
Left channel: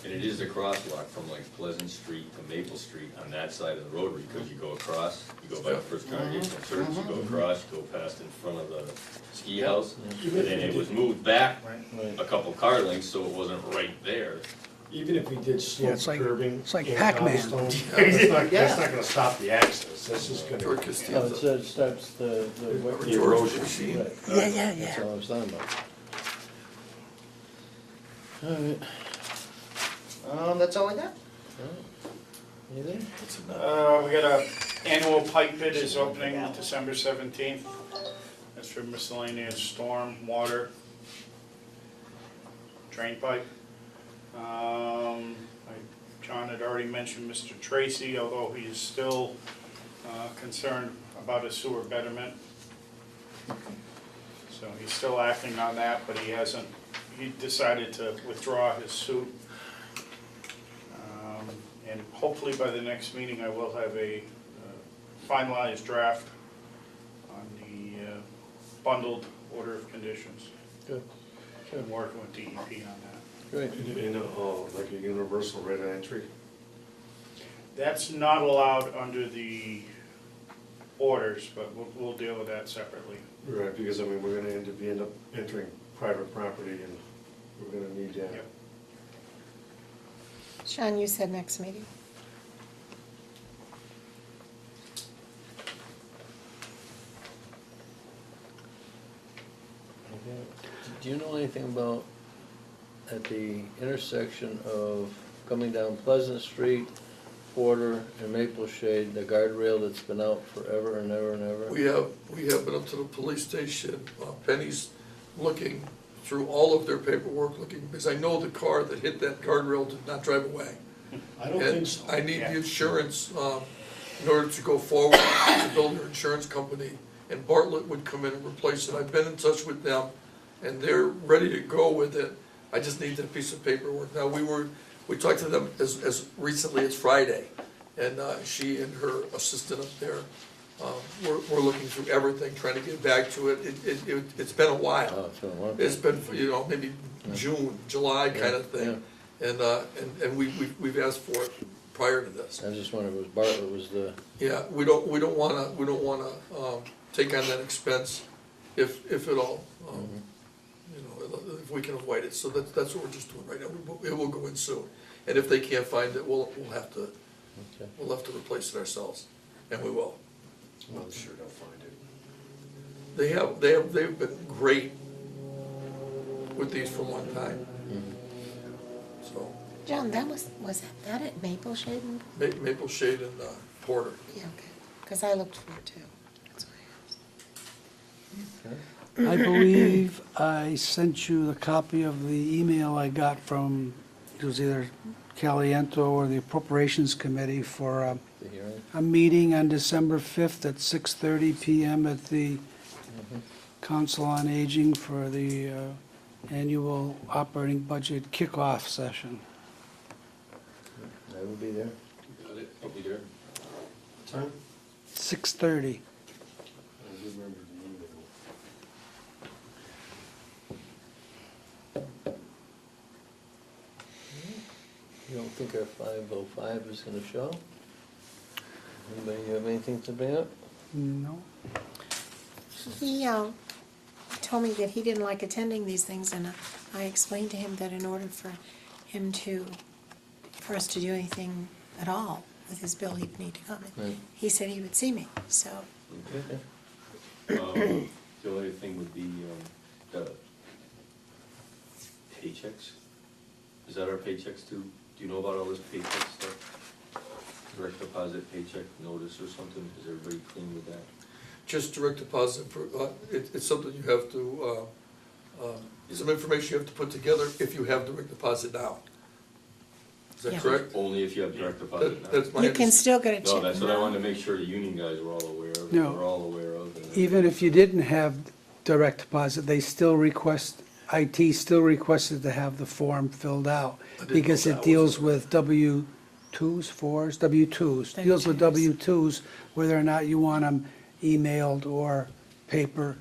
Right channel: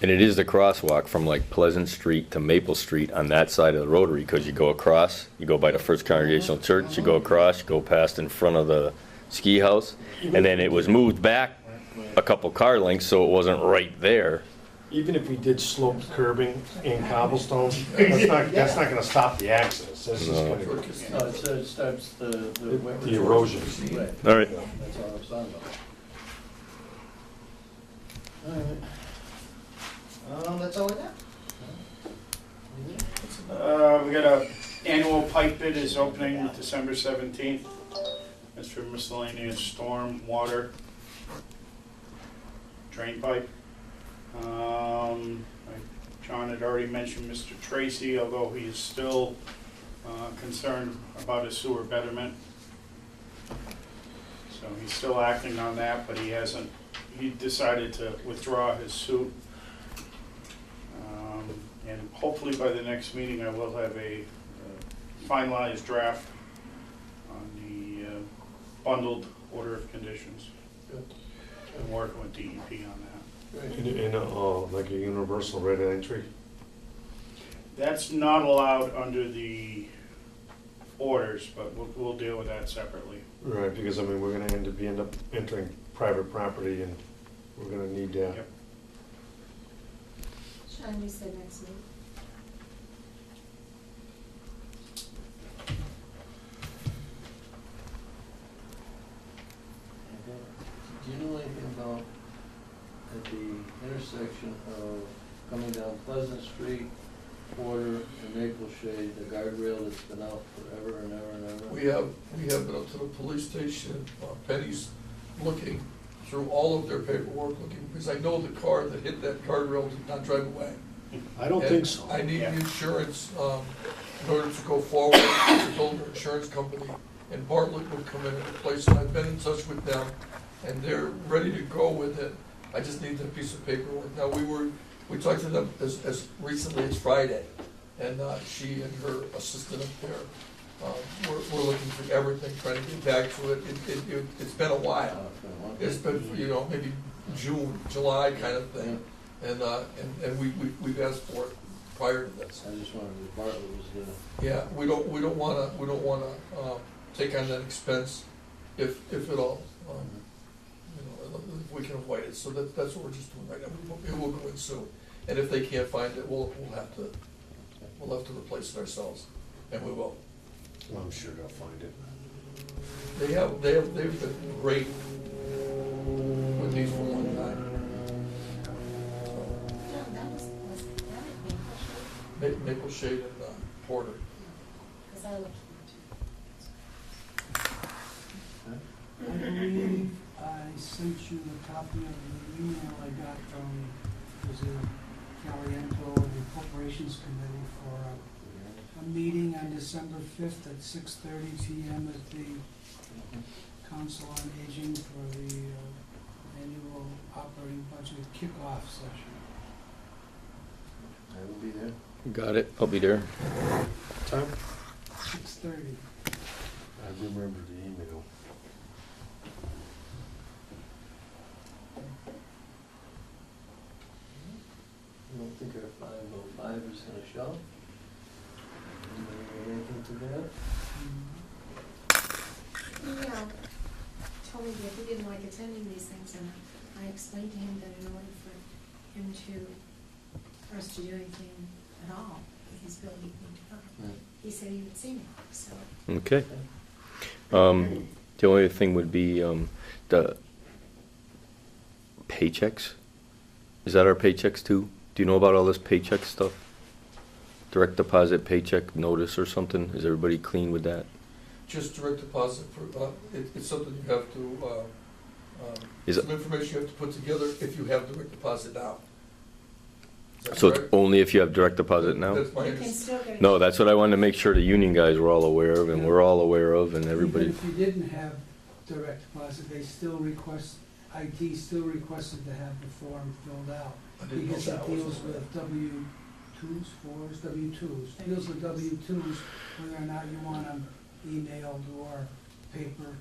And it is the crosswalk from like Pleasant Street to Maple Street on that side of the rotary, because you go across, you go by the First Congregational Church, you go across, you go past in front of the ski house, and then it was moved back a couple car lengths, so it wasn't right there. Even if we did slope it's like- curbing it's like and Pac-Man. cobblestone, that's not gonna stop the accidents, that's just No. gonna, Toward Oh, Costanza. it starts the. the erosion. Right. All right. That's all we're talking about. All right. That's all I got. Anything? We got a annual pipe bid is opening December 17th. That's for miscellaneous storm, water, drain pipe. John had already mentioned Mr. Tracy, although he is still concerned about his sewer betterment. So he's still acting on that, but he decided to withdraw his suit. And hopefully by the next meeting, I will have a finalized draft on the bundled order of conditions. Good. Been working with DEP on that. Great. And, like a universal rate of entry? That's not allowed under the orders, but we'll deal with that separately. Right, because I mean, we're gonna end up entering private property and we're gonna need that. Yep. Sean, you said next meeting. Do you know anything about, at the intersection of coming down Pleasant Street, Porter, and Maple Shade, the guardrail that's been out forever and ever and ever? We have been up to the police station, Penny's looking through all of their paperwork, looking, because I know the car that hit that guardrail did not drive away. I don't And think so. I need Yeah. the insurance, in order to go forward, to build an insurance company, and Bartlett would come in and replace it. I've been in touch with them, and they're ready to go with it. I just need that piece of paperwork. Now, we talked to them as recently as Friday, and she and her assistant up there we're looking through everything, trying to get back to it. It's been a while. Oh, it's been a long It's time. been, you know, maybe June, July kind of thing. And we've asked for it prior to this. I just wondered, was Bartlett was the, Yeah, we don't wanna take on that expense if at all. You know, if we can avoid it, so that's what we're just doing right now. It will go in soon. And if they can't find it, we'll have to replace it ourselves, and we will. Well, I'm sure they'll find it. They've been great with these for a long time. So, John, that was that at Maple Shade? Maple Shade and Porter. Yeah, okay, because I looked for it too. That's why I asked. I believe I sent you the copy of the email I got from, it was either Caliento or the Appropriations Committee for the hearing? a meeting on December 5th at 6:30 PM at the Council on Aging for the annual operating budget kickoff session. I will be there. Got it, I'll be there. Time? 6:30. I remember the email. You don't think our 505 is gonna show? Anybody have anything to bring up? No? He told me that he didn't like attending these things, and I explained to him that in order for him for us to do anything at all with his bill, he'd need to come. Right. He said he would see me, so. Okay. The only thing would be, the paychecks. Is that our paychecks too? Do you know about all this paycheck stuff? Direct deposit paycheck notice or something? Is everybody clean with that? Just direct deposit for, it's something you have to, Is some it- information you have to put together if you have direct deposit now. Is that So correct? it's only if you have direct deposit now? That's my You can still get a check. No, that's what I wanted to now. make sure the union guys were all aware of, and Yeah. we're all aware of, and Even everybody. if you didn't have direct deposit, they still IT still requested to have the form filled out I didn't know because that it was deals a- with W-2s, 4s, W-2s. Deals with W-2s, whether or not you want them emailed or paper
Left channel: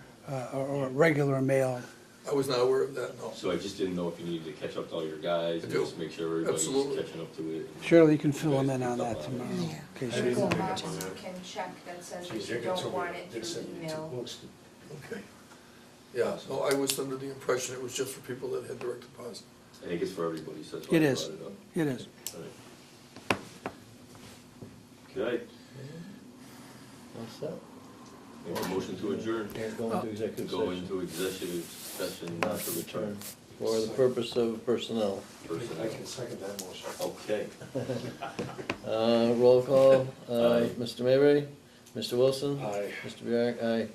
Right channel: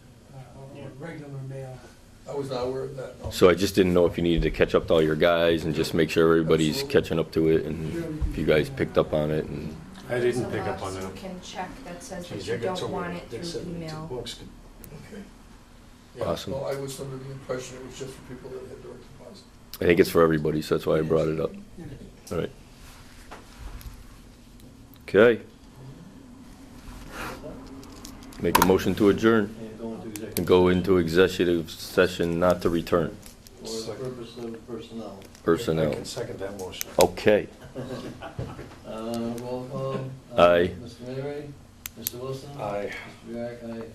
or regular mail. I was not aware of that, no. So I just didn't know if you needed to catch up to all your guys and just make sure everybody's Absolutely. catching up to it, and Surely you can you fill guys in on picked up that. on it. Yeah. I didn't Well, pick not up on just that. you can check that says Geez, that they you got don't some- want it they through sent me two email. books. Okay. Yeah, Awesome. no, I was under the impression it was just for people that had direct deposit. I think it's for everybody, so that's why It I is. brought it up. It is. All right. Okay, So, make a motion to adjourn and go into executive and go session into executive session not to return. For the purpose of personnel. I Personnel. can second that motion. Okay. Roll call. Aye. Mr. Mayberry, Mr. Wilson? Aye. Mr. Biark, aye.